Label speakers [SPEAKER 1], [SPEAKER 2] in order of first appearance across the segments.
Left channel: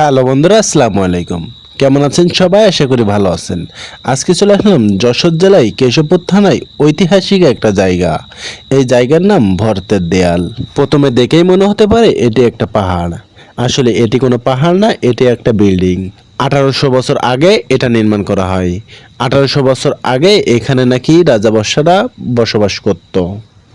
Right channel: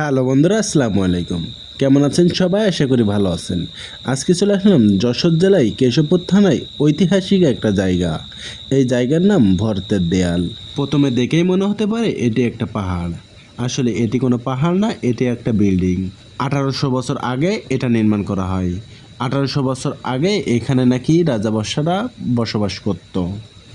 [SPEAKER 1] Hello বন্ধুরা, আসসালামু আলাইকুম। কেমন আছেন সবাই? আশা করি ভালো আছেন। আজকে চলে আসলাম যশোর জেলায় কেশবপুর থানায় ঐতিহাসিক একটা জায়গা। এই জায়গার নাম ভরতের দেয়াল। প্রথমে দেখেই মনে হতে পারে এটি একটা পাহাড়। আসলে এটি কোনো পাহাড় না, এটি একটা বিল্ডিং। আঠারোশো বছর আগে এটা নির্মাণ করা হয়। আঠারোশো বছর আগে এখানে নাকি রাজাবর্ষারা বসবাস করতো।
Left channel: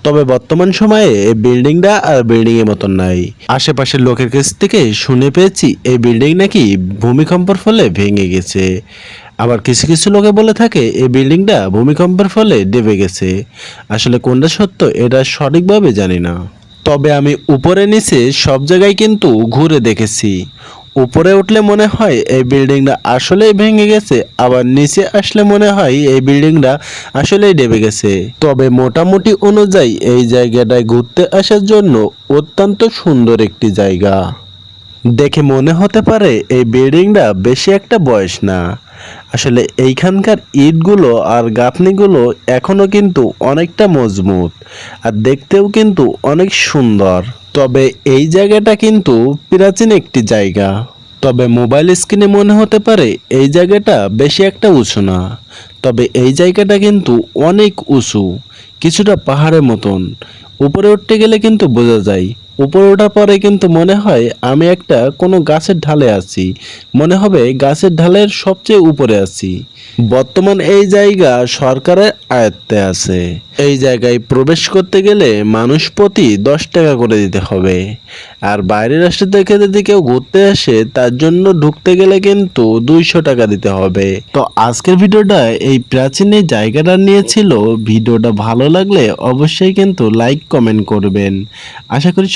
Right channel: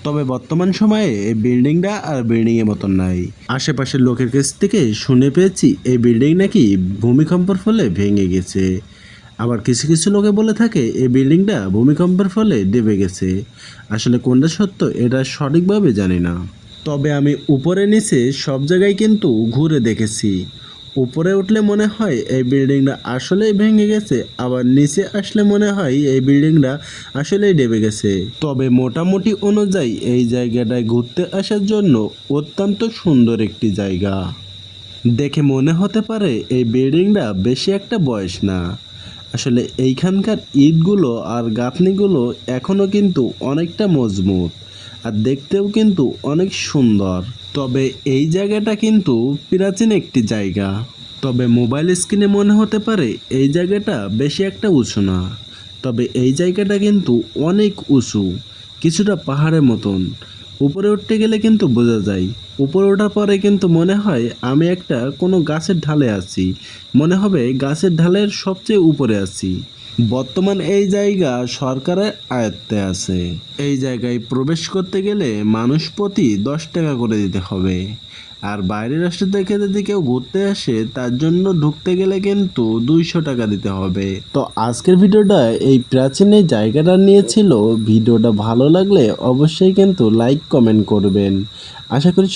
[SPEAKER 1] তবে বর্তমান সময়ে এই বিল্ডিংটা আর বিল্ডিং এর মতন নাই। আশেপাশের লোকের কাছ থেকে শুনে পেয়েছি এই বিল্ডিং নাকি ভূমিকম্পের ফলে ভেঙে গেছে। আবার কিছু কিছু লোকে বলে থাকে এই বিল্ডিংটা ভূমিকম্পের ফলে ডেবে গেছে। আসলে কোনটা সত্য এটা সঠিকভাবে জানি না। তবে আমি উপরে নিচে সব জায়গায় কিন্তু ঘুরে দেখেছি। উপরে উঠলে মনে হয় এই বিল্ডিংটা আসলেই ভেঙে গেছে, আবার নিচে আসলে মনে হয় এই বিল্ডিংটা আসলেই ডেবে গেছে। তবে মোটামুটি অনুযায়ী এই জায়গাটায় ঘুরতে আসার জন্য অত্যন্ত সুন্দর একটি জায়গা। দেখে মনে হতে পারে এই বিল্ডিংটা বেশি একটা বয়স না। আসলে এইখানকার ইটগুলো আর গাঁথনিগুলো এখনও কিন্তু অনেকটা মজবুত আর দেখতেও কিন্তু অনেক সুন্দর। তবে এই জায়গাটা কিন্তু প্রাচীন একটি জায়গা। তবে মোবাইল স্ক্রিনে মনে হতে পারে এই জায়গাটা বেশি একটা উঁচু না। তবে এই জায়গাটা কিন্তু অনেক উঁচু, কিছুটা পাহাড়ের মতন। উপরে উঠতে গেলে কিন্তু বোঝা যায় উপরে ওঠার পরে কিন্তু মনে হয় আমি একটা কোনো গাছের ঢালে আছি। মনে হবে গাছের ঢালের সবচেয়ে উপরে আছি। বর্তমান এই জায়গা সরকারের আয়ত্তে আছে। এই জায়গায় প্রবেশ করতে গেলে মানুষ প্রতি দশ টাকা করে দিতে হবে। আর বাইরের রাষ্ট্র থেকে যদি কেউ ঘুরতে আসে, তার জন্য ঢুকতে গেলে কিন্তু দুইশো টাকা দিতে হবে। তো আজকের ভিডিওটা এই প্রাচীন এই জায়গাটা নিয়েছিল ভিডিওটা ভালো লাগলে অবশ্যই কিন্তু লাইক, কমেন্ট করবেন। আশা করি